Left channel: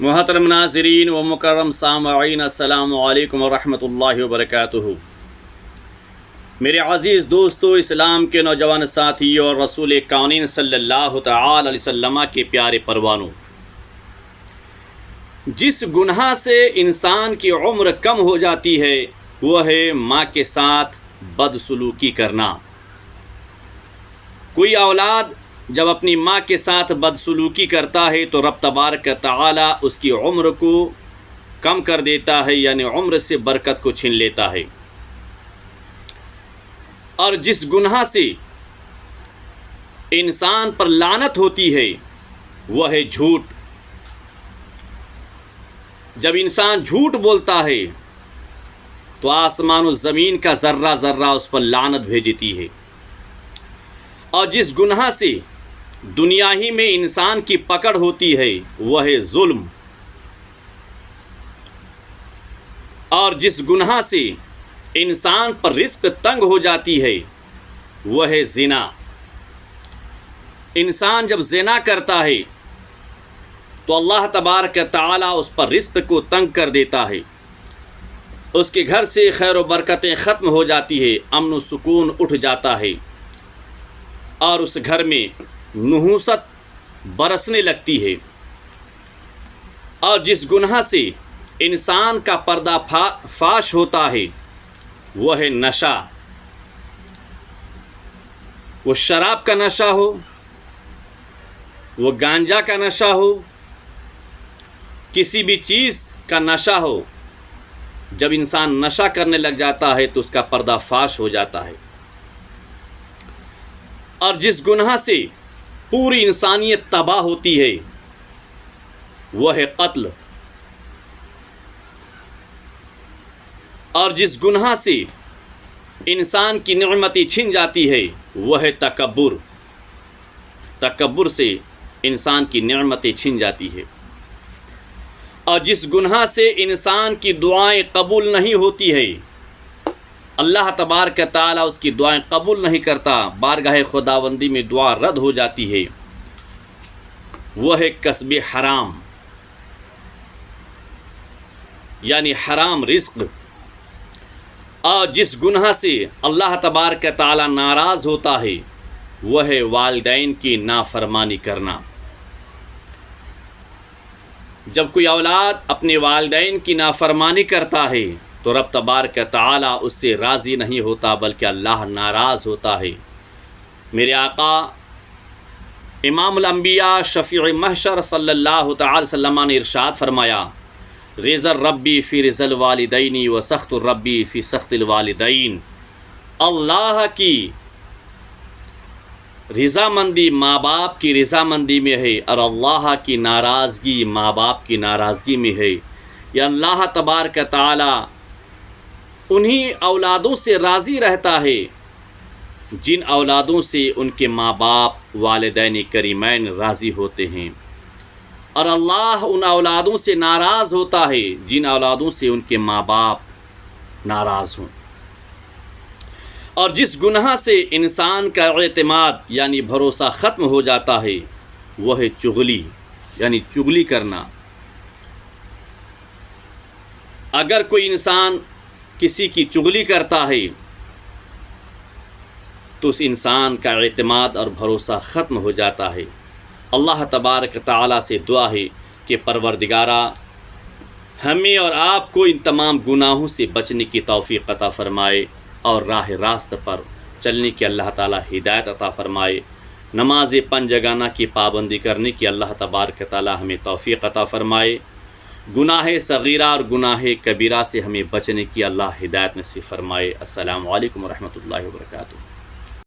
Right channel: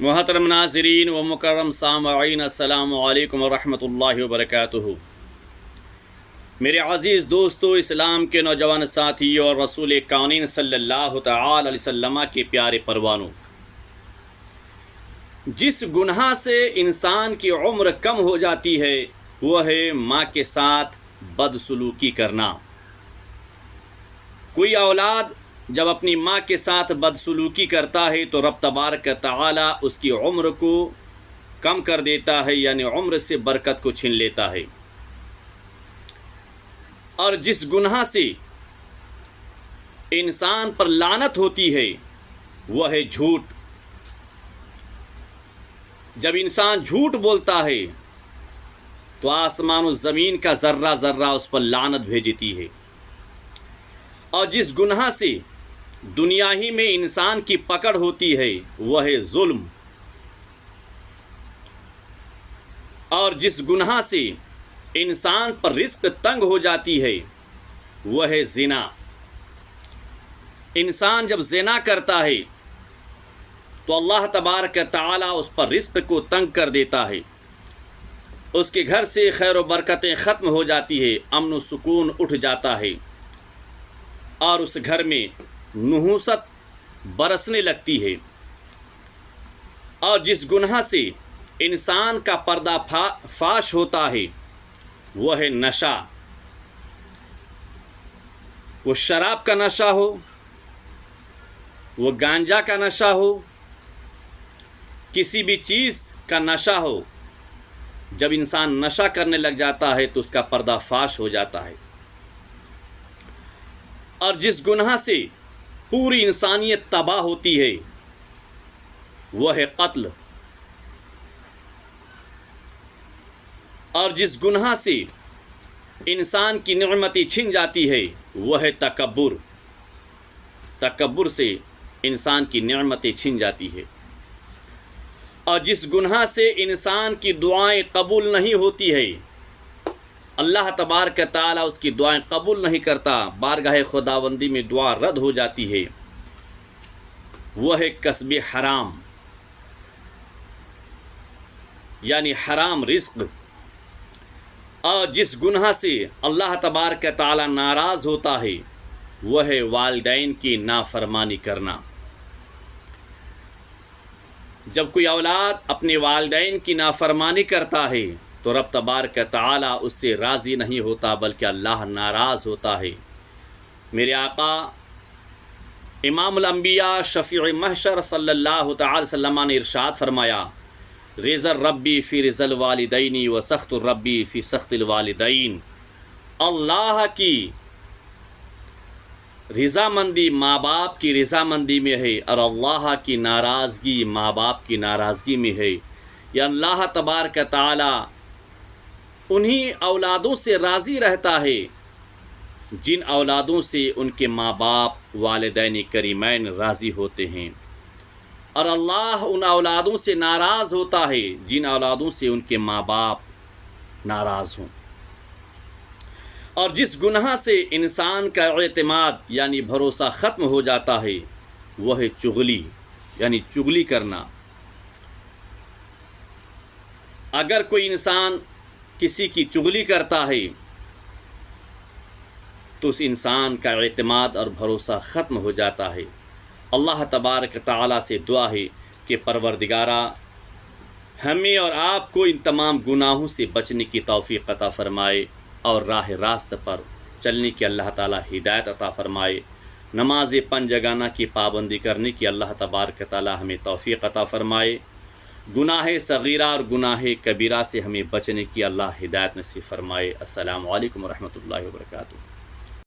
محترم ناظرین و مکرم سامعین، السلام علیکم ورحمۃ اللہ وبرکاتہ۔ میرے عزیز دوستو، اسلام کے نوجوان ساتھیوں اور رسول کونین صلی اللہ تعالی علیہ وسلم کے پیارے پروانوں، جس گناہ سے انسان کی عمر کم ہو جاتی ہے وہ ہے ماں کے ساتھ بدسلوکی کرنا۔ کوئی اولاد جب اپنی ماں کے ساتھ بدسلوکی کرتا ہے تو رب تبارک تعالی اس کی عمر کو کم کر دیتا ہے، یعنی عمر سے برکت کو چھین لیتا ہے۔ اور جس گناہ سے انسان پر لعنت ہوتی ہے وہ ہے جھوٹ۔ جب انسان جھوٹ بولتا ہے تو آسمان و زمین کا ذرہ ذرہ اس پر لعنت بھیجتی ہے۔ اور جس گناہ سے دنیا ہی میں انسان کی پکڑ ہوتی ہے وہ ہے ظلم۔ اور جس گناہ سے انسان پر رزق تنگ ہو جاتی ہے وہ ہے زنا۔ انسان جب زنا کرتا ہے تو اللہ تبارک تعالی اس پر رزق کو تنگ کر دیتا ہے، اس کے گھر سے خیر و برکتیں ختم ہو جاتی ہے، امن و سکون اٹھ جاتا ہے، اور اس گھر میں نحوست برسنے لگتی ہے۔ اور جس گناہ سے انسان کا پردہ فاش ہوتا ہے وہ ہے نشہ۔ وہ شراب کا نشہ ہو، وہ گانجا کا نشہ ہو، کسی بھی چیز کا نشہ ہو، جب انسان نشہ کرنے لگ جاتا ہے تو اس کا پردہ فاش ہو جاتا ہے۔ اور جس گناہ سے پوری انسانیت تباہ ہوتی ہے وہ ہے قتل۔ اور جس گناہ سے انسان کی نعمتیں چھن جاتی ہے وہ ہے تکبر۔ تکبر سے انسان کی نعمتیں چھن جاتی ہے۔ اور جس گناہ سے انسان کی دعائیں قبول نہیں ہوتی ہے، اللہ تبارک تعالی اس کی دعائیں قبول نہیں کرتا، بارگاہ خداوندی میں دعا رد ہو جاتی ہے، وہ ہے کسب حرام، یعنی حرام رزق۔ اور جس گناہ سے اللہ تبارک تعالی ناراض ہوتا ہے وہ ہے والدین کی نافرمانی کرنا۔ جب کوئی اولاد اپنے والدین کی نافرمانی کرتا ہے تو رب تبارک تعالی اس سے راضی نہیں ہوتا بلکہ اللہ ناراض ہوتا ہے۔ میرے آقا امام الانبیاء شفیع محشر صلی اللہ تعالی وسلم نے ارشاد فرمایا، رضا الربی فی رضا الوالدین و سخط الربی فی سخط الوالدین۔ اللہ کی رضامندی ماں باپ کی رضامندی میں ہے، اور اللہ کی ناراضگی ماں باپ کی ناراضگی میں ہے۔ یا اللہ تبارک تعالی انہی اولادوں سے راضی رہتا ہے جن اولادوں سے ان کے ماں باپ والدین کریمین راضی ہوتے ہیں، اور اللہ ان اولادوں سے ناراض ہوتا ہے جن اولادوں سے ان کے ماں باپ ناراض ہوں۔ اور جس گناہ سے انسان کا اعتماد یعنی بھروسہ ختم ہو جاتا ہے وہ ہے چغلی، یعنی چغلی کرنا۔ اگر کوئی انسان کسی کی چغلی کرتا ہے تو اس انسان کا اعتماد اور بھروسہ ختم ہو جاتا ہے۔ اللہ تبارک تعالی سے دعا ہے کہ پروردگارا ہمیں اور آپ کو ان تمام گناہوں سے بچنے کی توفیق عطا فرمائے، اور راہ راست پر چلنے کی اللہ تعالی ہدایت عطا فرمائے۔ نماز پنجگانہ کی پابندی کرنے کی اللہ تبارک تعالی ہمیں توفیق عطا فرمائے۔ گناہ صغیرہ اور گناہ کبیرہ سے ہمیں بچنے کی اللہ ہدایت نصیب فرمائے۔ السلام علیکم ورحمۃ اللہ وبرکاتہ۔